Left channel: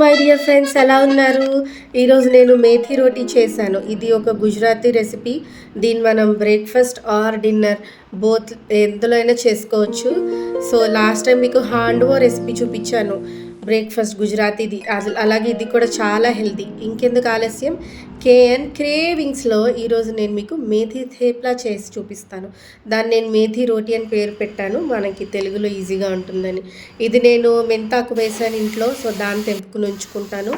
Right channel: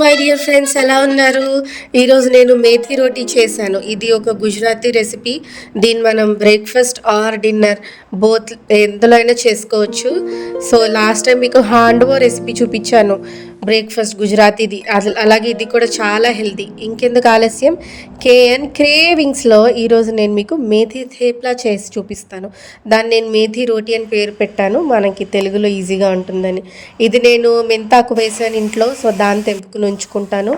My dear friends, ఎలా ఉన్నారు? ఈరోజు నేను మేథీ రోటీ చేశాను. ఇది ఒక గుజరాతీ రెసిపీ. దీన్ని మనం బ్రేక్ఫాస్ట్ ఆర్ డిన్నర్ బోత్ ఎందులో అయినా చేసుకోవచ్చు. సో లాస్ట్ టైం మీకు హాండవో రెసిపీ చూపించాను, బ్రేక్ఫాస్ట్ గుజరాతీది. అలాగే ఇది కూడా చాలా హెల్తీ. ఇంకెందుకు ఆలస్యం, కేఎన్ క్రేవింగ్స్లో ఈరోజు నేను మీకు మేథీ థేప్లా చేసి చూపిస్తాను. దాన్ని నేను మేథీ రోటీ అని పేరు పెట్టాను, మనకి తెలుగులో ఈజీగా ఉంటుందని. ఇది నేను మెంతాకు వేసాను ఇంట్లో, సో దాన్ని తెంపుకుని ఉంచుకుంటాను.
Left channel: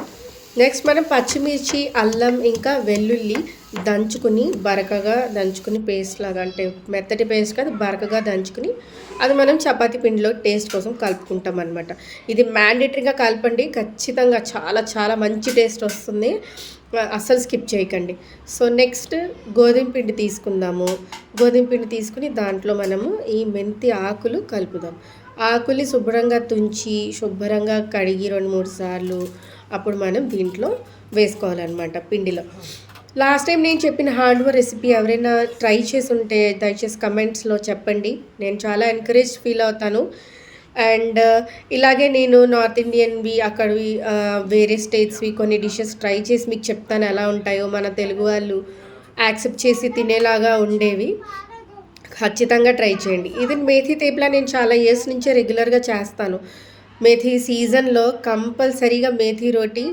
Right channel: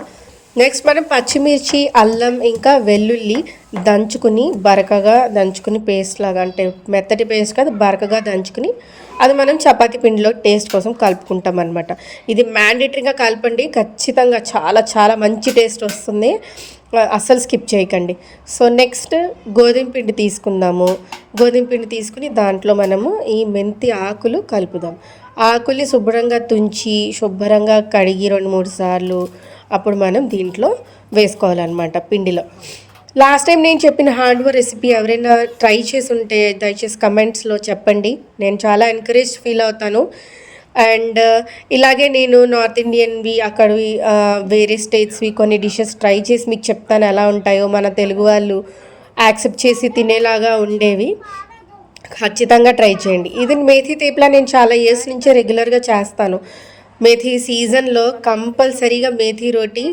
నెక్స్ట్ మనం పచ్చిమిర్చి, అల్లం ఇంకా వెల్లుల్లి దంచుకుని బరకగా దంచుకుని పేస్ట్ లాగా, అంటే మెత్తటి పేస్ట్ కాదు, బరకగా దంచుకుని అది మనం చపాతీ పిండిలో టేస్ట్ కోసం కలుపుకుంటాం అనమాట. ఇది మ్యాండేటరీగా కలపండి, ఖచ్చితంగా చాలా చాలా మంచి టేస్ట్ వస్తుంది, అస్సలు స్కిప్ చేయకండి. సో నెక్స్ట్ గోధుమ పిండి తీసుకుందాము. గోధుమ పిండి తీసుకుని దాంట్లో మనము ఈ మెంతి ఆకులు కలుపుదాం. ఆకుల్ని శుభ్రంగా తుంచి శుభ్రంగా కడిగి 2-3 సార్లు అప్పుడు మనం దీంట్లో వేసుకోవాలన్నమాట పిండిలో. లాస్ట్ టైం నేను చెప్పిన హాండవో రెసిపీ ఎవరైనా ట్రై చేసి ఉంటే దయచేసి కమెంట్స్లో చెప్పండి, నేను చాలా ఎంకరేజ్ ఫీల్ అవుతాను. అండ్ ఇలాగే నేను నార్త్ ఇండియన్వి, అక్కడవి వేరే స్టేట్స్వి కొన్ని డిషెస్ ట్రై చేసి మీకు చెప్తాను ఎలా ఉంటాయో. మన తెలుగు వాళ్ళు యాక్సెప్ట్ చేసి తినేలాగా ఉండేవి. ఖచ్చితంగా ట్రై చేయండి. ఇది మేథీ తేప్లా నేను చాలా ఇయర్స్ నుంచే రెగ్యులర్గా చేస్తాను. మేథీ సీజన్లో కంపల్సరీగా మేథీ రోటీ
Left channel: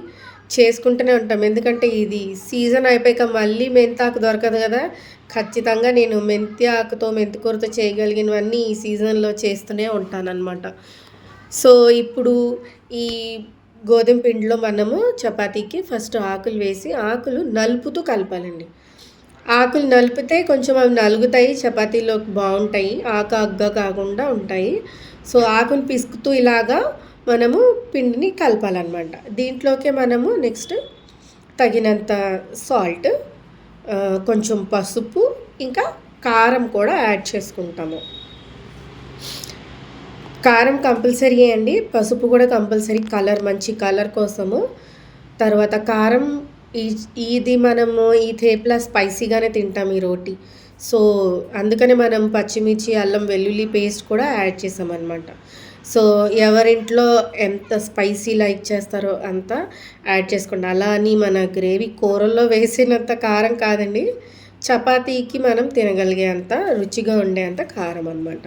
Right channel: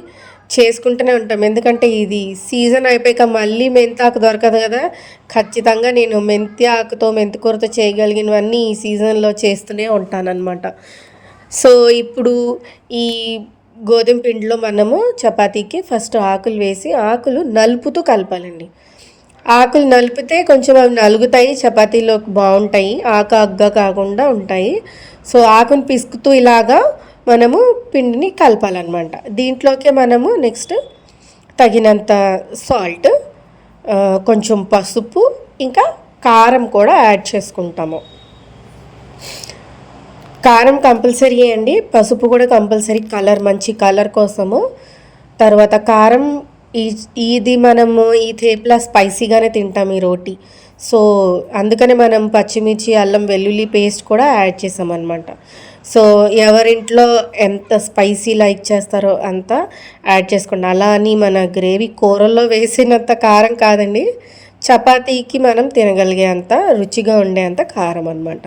చేసుకుంటూనే ఉంటాం, ఎందుకంటే ఇది సీజన్ అయిపోయాక మళ్ళీ మెంతాకు దొరకదు కదా. ఖచ్చితంగా నేను మెంతి ఆకుతో, మెంతికూరతో చేయగలిగినవన్నీ ఈ సీజన్లో చేస్తూనే ఉంటానన్నమాట. సో ఇప్పుడు ఈ గోధుమ పిండిలో మనము చపాతీకి ఫస్ట్ ఆకులు వేసి ఆకులు నలుపుతూ కలపాలండి. ఆకులు నలిపితే కొంచెం అవి నలుగుతాయి, చపాతీలోకి బాగుంటాయి, ఆకు అగ్గ కాకుండా ఉంటాయి. సో ఆకును పిసుకుతూ ఇలాగా మనము పిండిని కలపాలన్నమాట. దీంట్లోకి మనము నెక్స్ట్ తగినంత సాల్ట్, కొంచెం పసుపు, ఇంకా కారం కూడా యాడ్ చేసుకుంటాము. కారం కంపల్సరీ అండి, పసుపు కూడా కంపల్సరీ, కలర్ మంచి కలర్ కోసము. తర్వాత కారం, ఇది మనము ఈ థేప్లా స్పైసీగానే తింటాం ఈ రోటీ. సో అందుకనే మనం పచ్చిమిర్చి, అల్లం వెల్లుల్లి పేస్ట్ కూడా యాడ్ చేసామన్నమాట. సో ఎవరింట్లో ఎంత స్పైసీ లైక్ చేస్తారో అంత యాడ్ చేసుకోండి. అలా అని మన గ్రేవీ కూరల్లో వేసినంత కారం కాదండి, చపాతీకి మనం తినగలిగే అంత రుచిగా ఉండే అంత కారం అనమాట.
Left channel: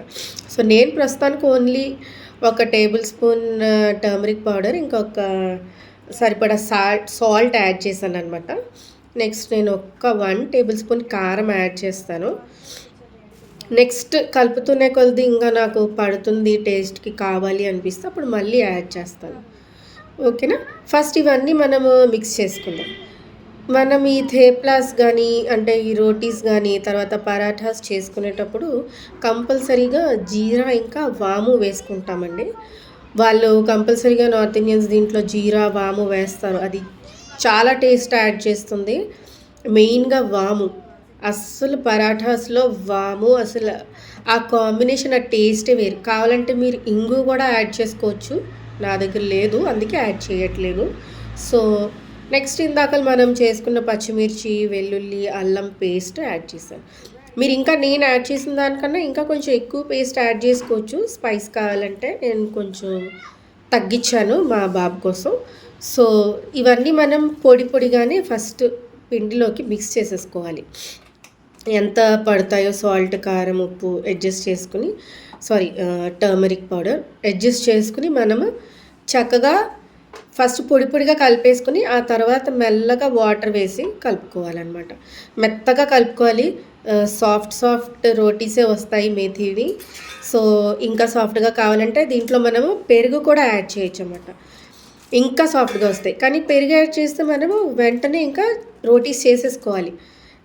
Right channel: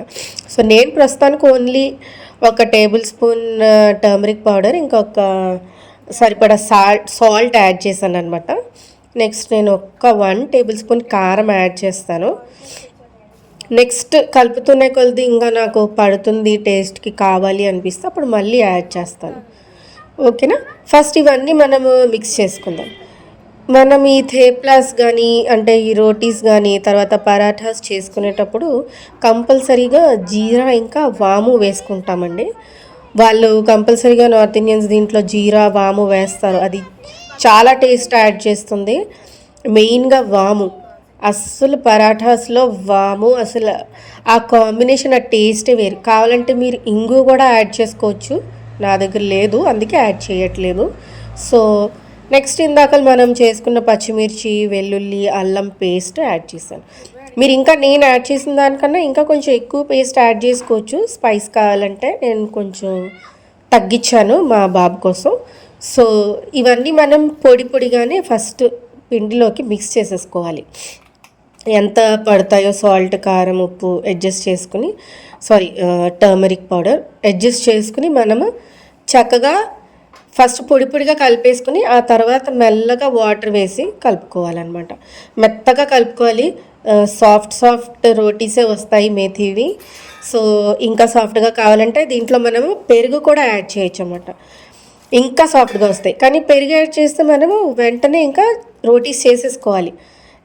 సో నేను ప్రస్తుతానికి only 1 table spoon turmeric powder, ఇంకొక సరిపడా సాల్ట్ యాడ్ చేశాను అనమాట. నెక్స్ట్ నేను 1 టేబుల్ స్పూన్ కారం యాడ్ చేస్తాను. నెక్స్ట్ కలుపుతూనే కొద్ది ఇంకా నాకు పడుతుంది, టేస్ట్కి కావాలి అనిపిస్తే అప్పుడు మళ్ళీ యాడ్ చేస్తాను. ఓకేనా? ఫస్ట్ ఇవన్నీ మనము మిక్స్ చేసుకుందాం. మనం ఈ థేప్లాస్ కానీ, అంటే ఈ రోటీస్ కానీ, తర్వాత పరాఠాస్ చేసుకునేటప్పుడు కంపల్సరీగా జీరా ఇంకా వాము వేసుకుంటామండి. వాళ్ళు కంపల్సరీగా నార్త్ ఇండియన్స్ దీంట్లో జీరా వాము వేస్తారు, అది చాలా టేస్ట్ యాడ్ చేస్తుంది. మెయిన్గా వాము, అస్సలు పరాఠాస్లో వాము, అసలు ఆ కాంబినేషన్, ఆ టేస్టే వేరు. కావాలంటే మీరు ఇంగు కూడా యాడ్ చేసుకోవచ్చు, నా దగ్గర లేదు అందుకే యాడ్ చేయట్లేదు. సో నెక్స్ట్ ఇందాక మనం చేసుకున్న పచ్చిమిర్చి, వెల్లుల్లి, అల్లం పేస్ట్ యాడ్ చేశాను. మీరు ఇంకా నేను యాడ్ చేసిన దానికన్నా ఇంకా కొంచెం ఎక్కువ పేస్ట్ యాడ్ చేసుకోవచ్చు, స్పైస్ కావాలంటే. నేను కొంచెం తగ్గించాను మా బాబు కోసం. సో ఇవన్నీ మనం పొడి పొడిగానే ఫస్ట్ పిండిలోకి మిక్స్ చేసేసుకోవాలి. ఎంత పడతాయో సాల్ట్, కారం, ఉప్పు అడ్జస్ట్ చేసుకుని, టర్మరిక్ పౌడర్ అడ్జస్ట్ చేసుకుని మనము చక్కగా ఫస్ట్ పొడి పొడిగా కలిపేసుకుని ఆ తర్వాత మెల్లగా వాటర్ వేసి కలుపుకోవాలన్నమాట. మెత్తగా కలుపుకోవాలి. సాఫ్ట్ రోటీసే వస్తాయి మేథీవి. సో ఇంకా సాఫ్ట్గా కావాలంటే దీంట్లో మనము పెరుగు కూడా యాడ్ చేయొచ్చు అన్నమాట, ఇంకా సాఫ్ట్గా వస్తాయి. కానీ పెరుగు యాడ్ చేస్తే మనము వెంటనే ఇంకా రోటీస్ చేసేసుకోవాలి.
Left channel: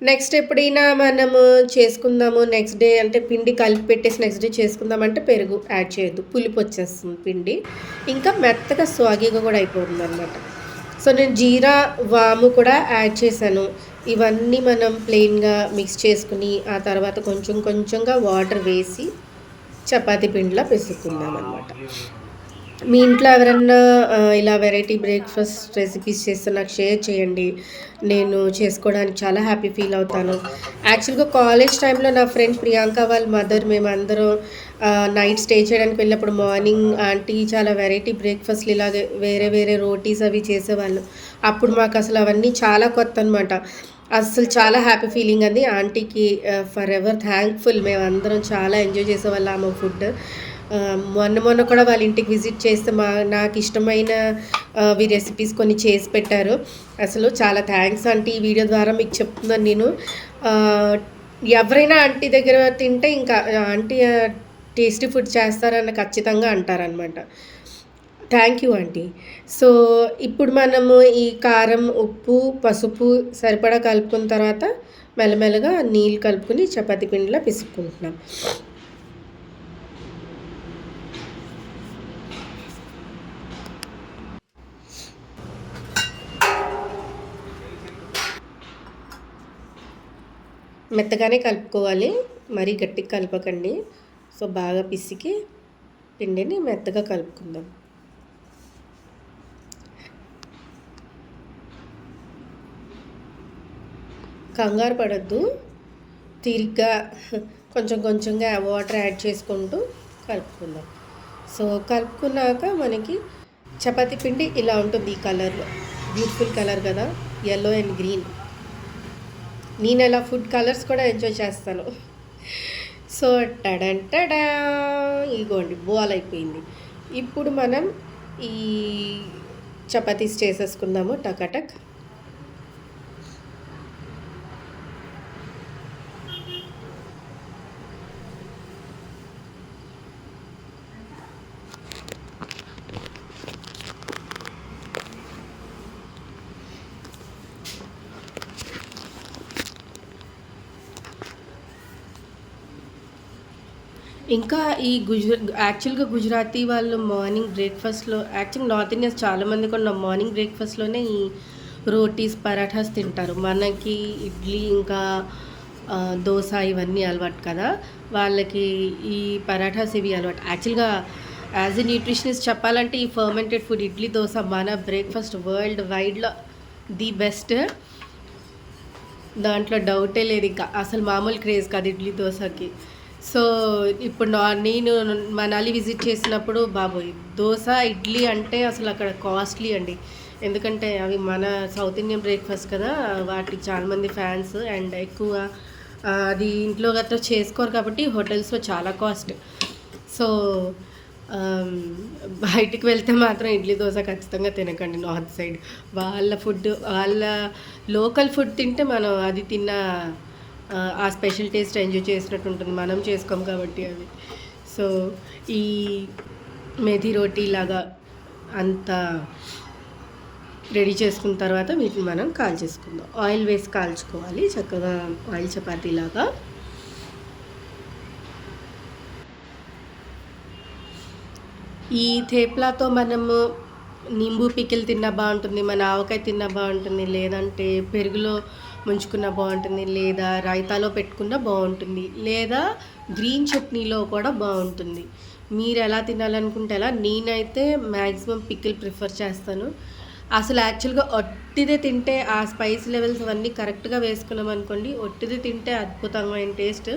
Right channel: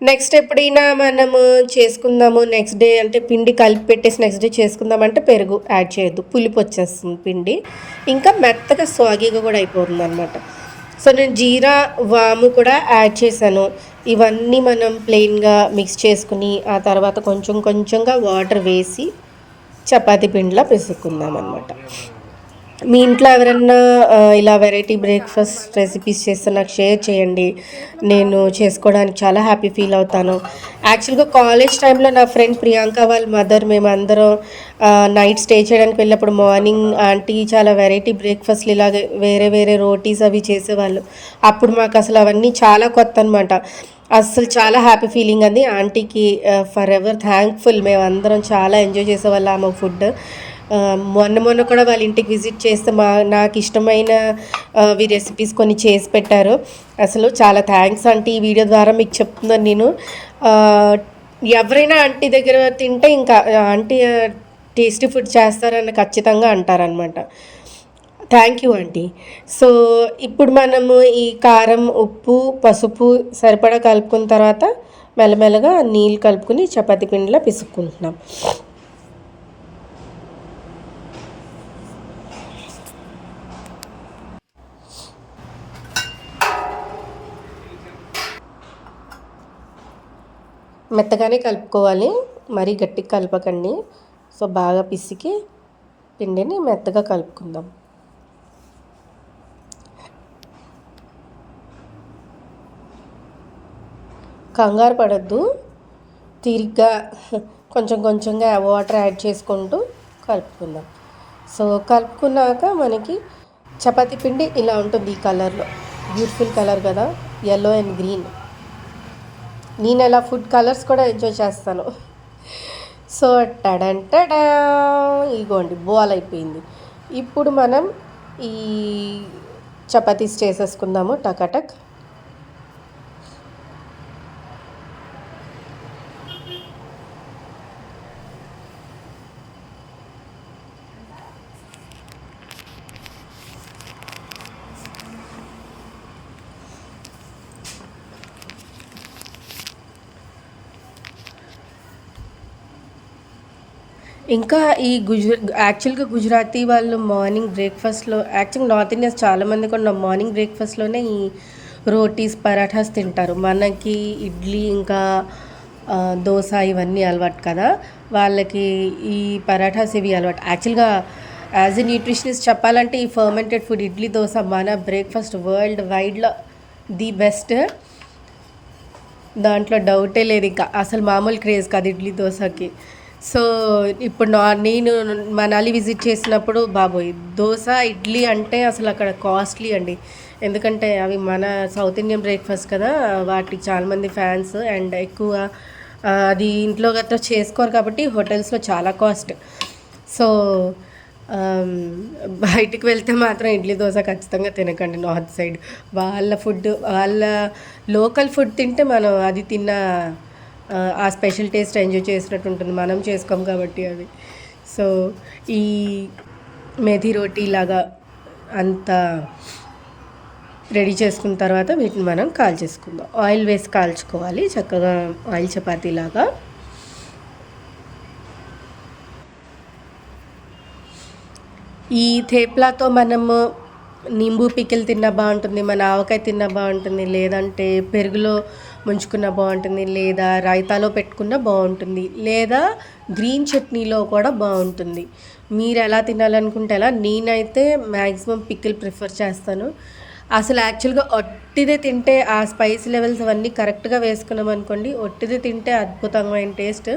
నెక్స్ట్ ఎప్పుడైనా మనము చేసుకుందాము నెక్స్ట్ డే, అంటే పిండి కలిపి పెట్టేసి నెక్స్ట్ డే చేసుకుందామంటే పెరుగు యాడ్ చేయొద్దు, పులిపు వచ్చేస్తుంది పిండి, ఇంకా మెత్తగా స్వాగీగా కూడా అయిపోతుంది అనమాట. సో నేను జీరా వాము కూడా యాడ్ చేశాను. ఇవన్నీ మనం ప్లెయిన్గా మిక్స్ చేసుకుని ఆ తర్వాత కొంచెం కొంచెంగా వాటర్ వేసి చపాతీ పిండిలో పిసుక్కుందాం అనమాట. మీ ఇంట్లో ఎవరన్నా ఇలా వెరైటీ బ్రేక్ఫాస్ట్ రెసిపీస్ చేస్తే నాకు షేర్ చేయండి, నేను చేసుకోవడానికి చాలా హ్యాపీ ఫీల్ అవుతాను. యాక్చువల్గా కాలేజ్ టైంలో నా ఫ్రెండ్ ప్రియాంక వాళ్ళ మదర్, మేమందరం నైట్ స్టే చేయడానికి వెళ్ళినప్పుడు మార్నింగ్ ఆంటీ చాలా వెరైటీ బ్రేక్ఫాస్ట్లు ఇలాగే వేరే వేరే రోటీస్ అవి చేసేవాళ్ళు. అప్పుడు మాకు అసలు అవన్నీ చాలా కొత్త అనమాట. అస్సలు చాలా హ్యాపీ ఫీలింగ్ అది. ఆంటీకి ఫర్ ఎవర్ థ్యాంక్ఫుల్. మేమందరం చాలా ఎంజాయ్ చేసేవాళ్ళం ఆమె ఫుడ్. మొన్న మొన్న కూడా వాళ్ళ ఇంటికి విజిట్ చేస్తే నాకు ఇష్టమైన రెసిపీస్ కొన్ని చేసి పెట్టారు. అసలు చాలా థ్యాంక్స్ ఆంటీ. ఈ వీడియో ద్వారా మీకు చెప్తున్నాను నేను. ఎవరైనా ఆంటీ దగ్గర తింటే ఇంకా ఆంటీ టేస్టీ ఫుడ్ చేస్తారని ఖచ్చితంగా అంటారనమాట. Thank you aunty. సో ఇప్పుడు మనము ఈ కారం, ఉప్పు, పసుపు సరిపడా కలుపుకున్న తర్వాత మెల్లమెల్లగా నీళ్ళు కలుపుకుని చపాతీ పిండిలో పిసుక్కుంటున్నాం. మెత్తగానే కలుపుకోవాలి, మరీ గట్టిగా కలపకండి. సో బాగా పిసికి పిండిని మెత్తగా కలుపుకుందాం. కంగారు పడద్దు, తీరిగ్గా కొంచెం కొంచెంగా వాటర్ యాడ్ చేసుకుంటూ కలుపుకుందాం. సో కలుపుకున్నాక మనకి చపాతీ పిండి ఇలా ఉంటుంది. ఈ కలర్లో బ్యూటిఫుల్ కలర్ కదా, ఎల్లో అండ్ గ్రీన్. నేను అలా ఫుడ్ కలర్స్ కూడా ఎంజాయ్ చేస్తాను. సో టడంటడా ఇగోండి బాల్ అయిపోయింది. ఇప్పుడు మనం ఈ చపాతీస్ చేసేసుకుందాము టకాటక్. ఇంకా ఈ యాక్చువల్గా గుజరాతీ వాళ్ళు మార్నింగ్ బ్రేక్ఫాస్ట్లో, యాక్చువల్గా నార్త్ ఇండియన్స్ చాలామంది కూడా మార్నింగ్ బ్రేక్ఫాస్ట్లోనే ఈ రోటీస్, పరాఠాస్ తింటారు. మనకి ఇడ్లీ ఇంకా దోశ ఇవన్నీ అలవాటు కదా, వాళ్ళకి ఈ పరాఠాస్ ఇవి అలవాటు. యాక్చువల్గా యాజ్ ఎ న్యూట్రిషనిస్ట్ చెప్పాలంటే ఈ ఫర్మెంటెడ్ ఫుడ్ ఇడ్లీ, దోశ మన బ్రేక్ఫాస్ట్ వరల్డ్ వైడ్లో ది బెస్ట్. దాంట్లో డౌటే లేదు. ఇంకా అసలు మామూలు క్రేజ్ కాదు ఇడ్లీ దోశకి. సో ఇప్పుడు నేను మనాలి విజిట్ చేసినప్పుడు బాబోయ్ దోశ, ఇడ్లీ అంటే అసలు అక్కడ కాస్ట్లీ అండి. ఎందుకంటే అవి మన సౌత్ ఇండియన్ బ్రేక్ఫాస్ట్ కదా, వాటికి చాలామంది ఫ్యాన్స్. అండ్ ఎక్కువ అది ఇంట్లో గట్రా చేసుకోరు కాబట్టి హోటల్స్లో చాలా కాస్ట్. సో బయటికి వెళ్తే మాత్రం ఇడ్లీ దోశ ఖచ్చితంగా తినకండి. నార్త్ సైడ్ వాళ్ళ ఫుడ్, వాళ్ళ లోకల్ ఫుడ్ తింటే మనం అది తిన్న ఆ స్పెషల్ టేస్ట్ ఎంజాయ్ చేసినట్టు ఉంటుంది. మనం చేసుకోం కాబట్టి అది. సో ఈ మెథీ రోటీ లాగా అంతా రెడీ చేసుకున్న తర్వాత వీటిని మనం కాల్చేసుకుందాం. ఆయిల్ వేసి కాల్చుకోవాలి చక్కగా, ఆయిల్ చపాతీ లాగా. ఈ థేప్లాతో మనము నింబు పికిల్ తిన్నా బాగుంటుంది, మన ఆవకాయ తిన్నా బాగుంటుంది, లేదంటే పెరుగులో ముంచుకున్న బాగుంటుంది, లేదా రైతాలో పెట్టుకున్న బాగుంటుంది, లేదా గ్రీన్ చట్నీలో కూడా బాగుంటుంది. మీరు ఎలా తినాలనుకుంటే అలా. నేనైతే మ్యాక్సిమం పికిల్ ప్రిఫర్ చేస్తాను. అసలు యాక్చువల్గా ఒట్టిదే తింటే ఆ స్పైస్ లెవెల్స్ అవన్నీ కరెక్ట్గా వేసుకున్నాం అనుకోండి, ఒట్టిదే తింటే అద్భుతమైన టేస్ట్.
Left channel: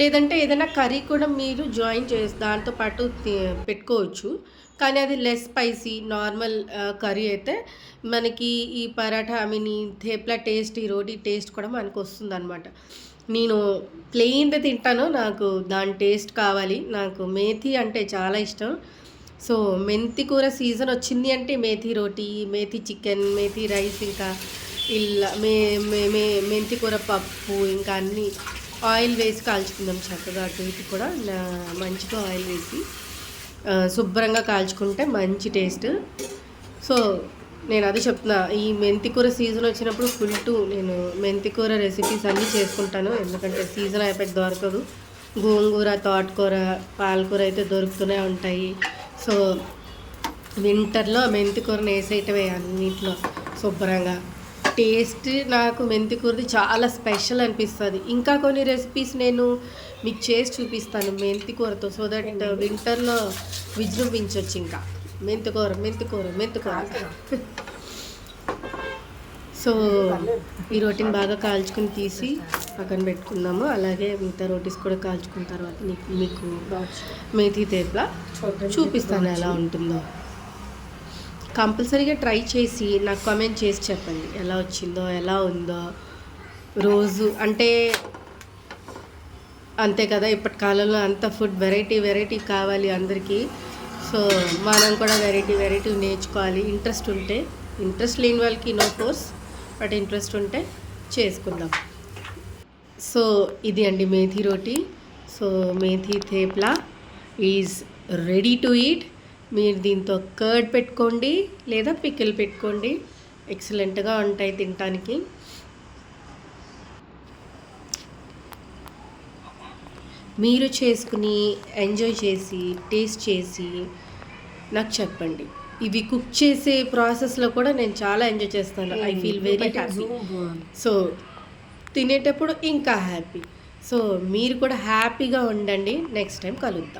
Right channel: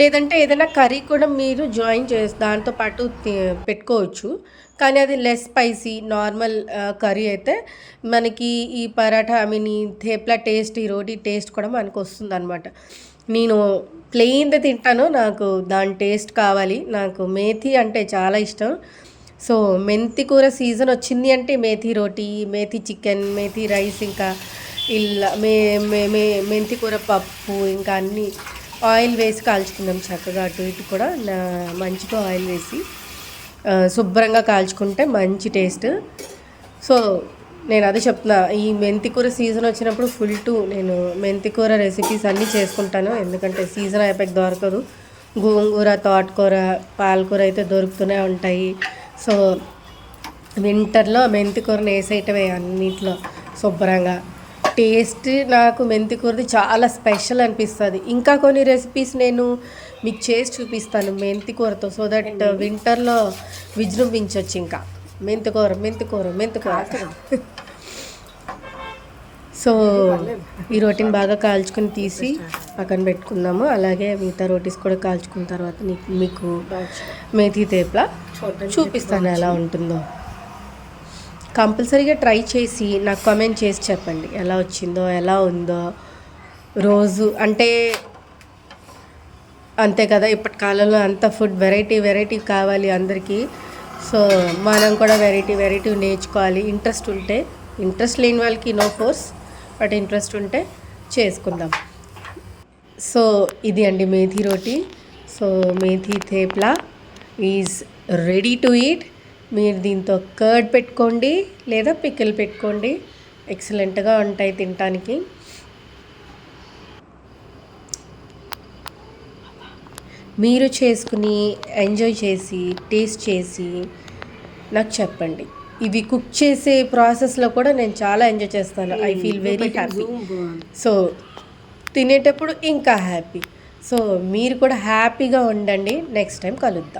లేదంటే ఏదైనా కర్రీ కూడా మీరు జాయిన్ చేసి దాంతో పాటు పెట్టుకోవచ్చు. కానీ అది లెస్ స్పైసీ నార్మల్ కర్రీ అయితే మనకి ఈ పరాఠా, ఐ మీన్ ఈ థేప్లా టేస్ట్, ఈ రోటీ టేస్ట్ కూడా మనకు వస్తుంది అనమాట. నేను ప్లెయిన్ది తింటాను, నాకు దాని టేస్ట్ కావాలి. నాకు మేథీ అంటే చాలా ఇష్టం. సో మెంతి కూర సీజన్ వచ్చింది అంటే మేథీ రోటీ, మేథీ చికెన్, మేథీ రైస్, ఇంకా ఇలా మెంతి కూర పప్పు, ఇంకా అన్నీ ఆయిల్ వేసి కాల్చుకుందాం చక్కగా. అటు ఇటు కూడా మంచిగా ఆయిల్ వేసి శుభ్రంగా కాల్చుకుంటే మంచి టేస్ట్. సో నేను అదే చెప్తున్నా, ఈ మెంతికూర సీజన్ వచ్చినప్పుడు నేను మెంతికూర రెసిపీస్ అన్నీ చేసుకుంటాను. ఎందుకంటే సీజన్ అయిపోయి దొరకదు. గోంగూర, తోటకూర, పాలకూర అయితే దొరుకుతూనే ఉంటాయి. సో వింటర్లో మెంతికూరని వేసేయటమే అన్నింటిలో శుభ్రంగా. టేస్ట్ నాకు మెంతికూరది చాలా స్పెషల్ అనిపిస్తుంది. ఇంకా కొన్ని రెసిపీస్ నేను మీకు చేసి చూపిస్తాను మెంతికూరతో, సో దట్ వింటర్లో విజృంభించవచ్చు. ఇంకా మెంతికూర మెంతికూర మెంతికూర. సో ఈ రోటీని బాగా కాల్చుకొని తీసి పక్కన పెట్టుకుందాము. అలాగే మిగతా రోటీస్ కూడా కాల్చుకున్న తర్వాత మీకు మేథీ తేప్లా చూపిస్తాను ఎలా ఉంటుందో. కంపల్సరీగా ట్రై చేసి నాకు కామెంట్ చేసి చెప్పండి ఎలా వచ్చిందో, ఎలా ఉందో. రోజు అంటే అంతే కదా, ఇప్పటి కాలంలో అంత ఫుడ్ వెరైటీ కావాలి అందరికీ. సో మనం కూడా వెరైటీ నేర్చుకోవాలి. ఇంట్రెస్ట్ లేని వాళ్ళకి నో ఫోర్స్, బట్ ఇంట్రెస్ట్ ఉంటే చేసుకుందాం. సో ఇది అండి మేథీ రోటీ. So methi thepla is ready to eat. మీరు దీంతో కర్డ్ పెట్టుకోండి లేదా పికిల్ పెట్టుకోండి, ఎక్సలెంట్గా ఉంటాయి తినటానికి. మీరు చేసుకుని ఎంజాయ్ చేసి టేస్ట్ చేసి నాకు చెప్పండి. ఇవి కుక్ చేసే ప్రాసెస్లో కూడా నేను చాలా ఎంజాయ్ చేస్తాను. I feel very happy. So తినేటప్పుడు ఇంకా హ్యాపీ. సో మీరు కూడా హ్యాపీగా ఉండండి. నెక్స్ట్ టైం కలుద్దాం.